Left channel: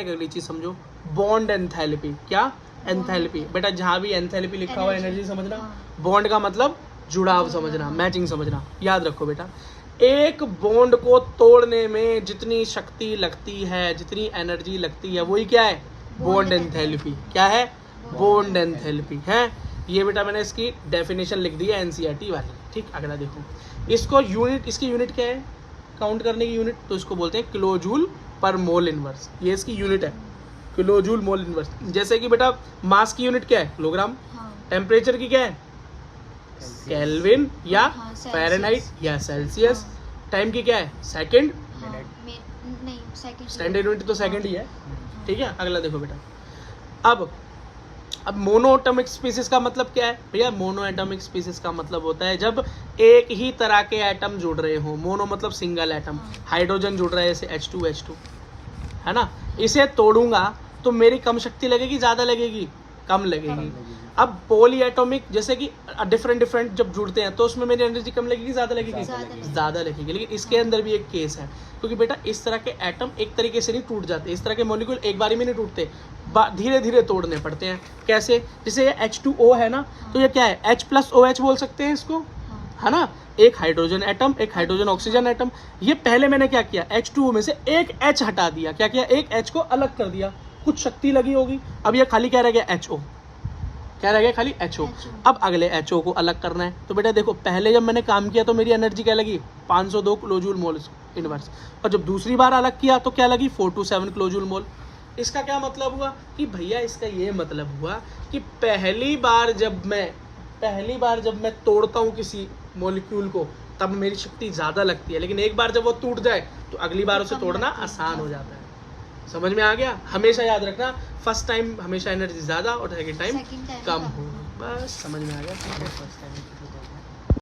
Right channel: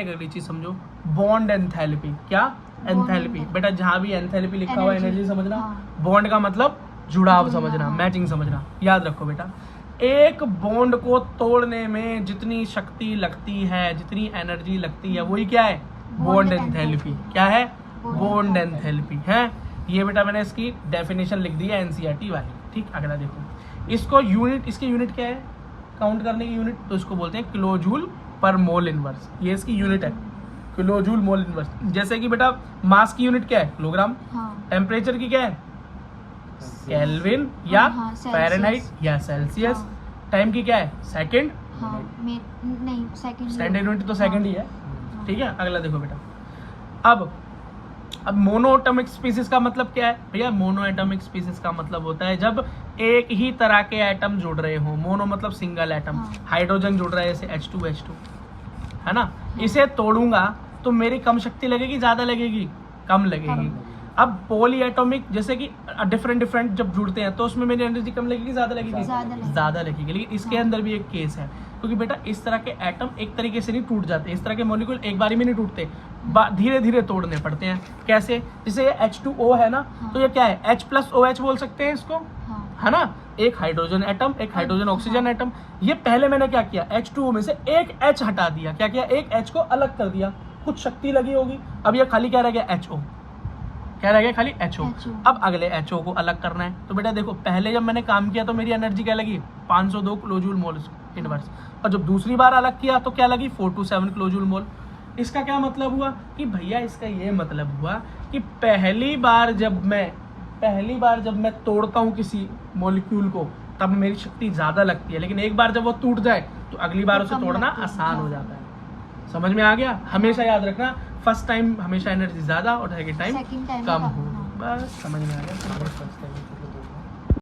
अगली चीज समझो, बॉन्ड एंथैल्पी। क्या? एंथैल्पी। बेटा जहाँ भी एंथैल्पी लिखा हुआ है एनर्जी समझना, बॉन्ड का मतलब जुड़ाव समझना, मैचिंग समझना। याद रखो बेटा, एक बॉन्ड को तोड़ने में जितनी शक्ति लगती है, जितनी एनर्जी लगती है, वही क्या है? Bond enthalpy. क्या है? बॉन्ड एंथैल्पी है। ये बेटा मैंने इसकी डेफिनेशन लिख दी है एनसीईआरटी वाली। ठीक, अगला देखो, इसको यूनिट, इसकी यूनिट क्या है काउंट करने की यूनिट? तो इसको बोलते हैं किलोजूल पर मोल इनवर्स। ये इसकी यूनिट है, किलोजूल मोल इनवर्स। जैसे कि बेटा मास की यूनिट क्या है? किलोग्राम। टेम्परेचर की क्या है? केल्विन या फ़ारेनहाइट या सेल्सियस। टाइम की क्या है? सेकंड। नहीं, सेकंड। स्टैंडर्ड यूनिट तो सेकंड ही है। ठीक है, अगला देखो बेटा, अब मोनोएटॉमिक स्पीसीज का मतलब क्या है भैया? मोनोएटॉमिक स्पीसीज का मतलब होता है जब एक ही तरह के एटम जुड़ रहे हो। मोनो मतलब सिंगल एटम। हाइड्रोजन जुड़ रहा है जैसे H2 है ना, इसे तोड़ूंगा तो मेरी कम शक्ति लगेगी, ज्यादा लगेगी? कम लगेगी। अब पॉली एटॉमिक जैसे कि डिफरेंट जब जुड़ते हैं तो उसमें मेरी एनर्जी कम लगेगी, ज्यादा लगेगी? ज्यादा लगेगी। लेकिन इसके अंदर भी एक केस है, क्योंकि बेटा इस तरह के एटम एक तरीके से नहीं टूट जाते, इस तरह के मॉलिक्यूल एक बारी में नहीं टूटते, धीरे धीरे तोड़ने पड़ते हैं। कैसे? जैसे ये H2O है ना, तो ये क्या है? H+OH बोल सकते हैं इसको, है ना, एक हाइड्रोजन एटम, एक हाइड्रोजन ऑक्सीजन एटम। ये पहले मैंने क्या किया? H2O में से एक H हटा दिया। क्या किया? एक H को अलग कर दिया, कुछ शक्ति लगी होगी। अब ये खाली क्या रह गया? HO। क्या रह गया? खाली HO। अब अगले HO को अलग करना है। तो बेटा देखो, पहले जब मैंने काम किया तो मेरी एनर्जी क्या लगी? 502 किलोजूल मोल इनवर्स। और जब दूसरी बार अलग किया तो क्या लगी? 427 किलोजूल मोल। इसका क्या मतलब हुआ कि भैया, इसका ये मतलब हुआ कि पहली बार जब मैं तोड़ता हूँ किसी मॉलिक्यूल को तब मेरी शक्ति ज्यादा लगती है, लेकिन एक बार जब वो टूट जाए तो अगली बार उसे तोड़ना आसान हो जाता है। समझ में आ गया? हमेशा याद रखना, फर्स्ट टाइम हमेशा एनर्जी ज्यादा और सेकंड टाइम कम हो। बस समझ में आ गया।